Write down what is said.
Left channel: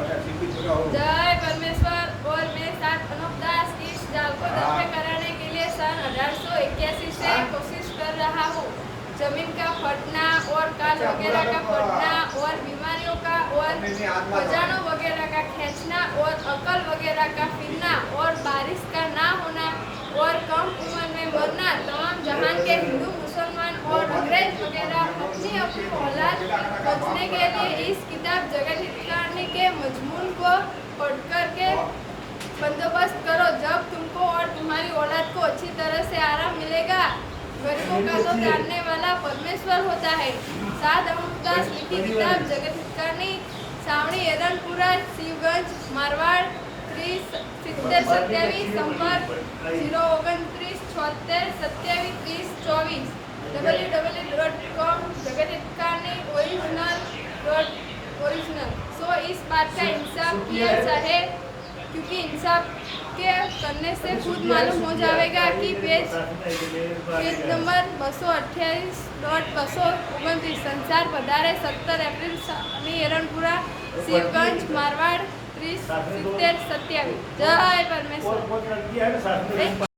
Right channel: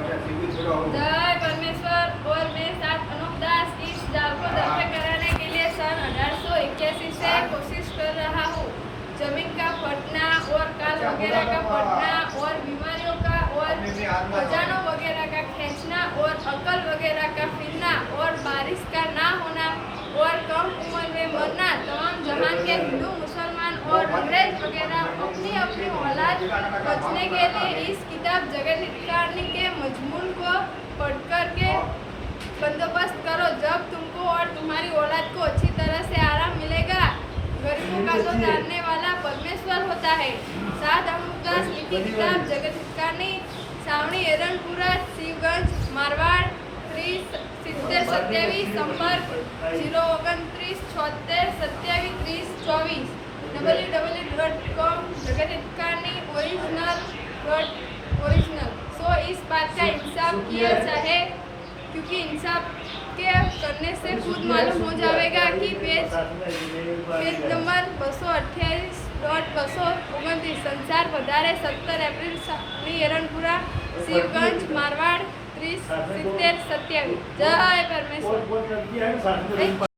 जय परमेश्वर। और मैं साथ अनूप दास इस जाल को दफे कराने के लिए सन 1881 से कोशिश कर रहा हूँ। जमीन का फटना और काल वगैरह का फटना और बीमारियों का और खजानों वगैरह का खींचना और अकल वगैरह का फिरना और बारिश का ना होना और कम उम्र में मरना, तमाम जहान के हिंदू मुसलमान और अंग्रेज वगैरह अपनी अपनी औलाद बचने के लिए इस किताब जगत हितकारी के मजमून को पढ़कर के बंदोबस्त करो। जब तुमको और तुम्हारी औलाद को अच्छी तरह से आराम मिलेगा। गरीबों का तो जानने वाला परमेश्वर होता है। सात अमृतदास लिखी किताब जगत हितकारी, सावणी एरनपुरा, शिवगंज, मारवाड़, 307027, संपर्क 029 76 27 30 24, www.com जगत हितकारी ओरिजिनल। सो इस बात का इंसाफ किया चाहे, क्योंकि इंसाफ के करने से खुद मालूम हो जाएगा कि पेज नंबर 228.229 संसार વધારે 17 एप्रिल सावणी एरनपुरा, शिवगंज, मारवाड़ 307027। जय परमेश्वर।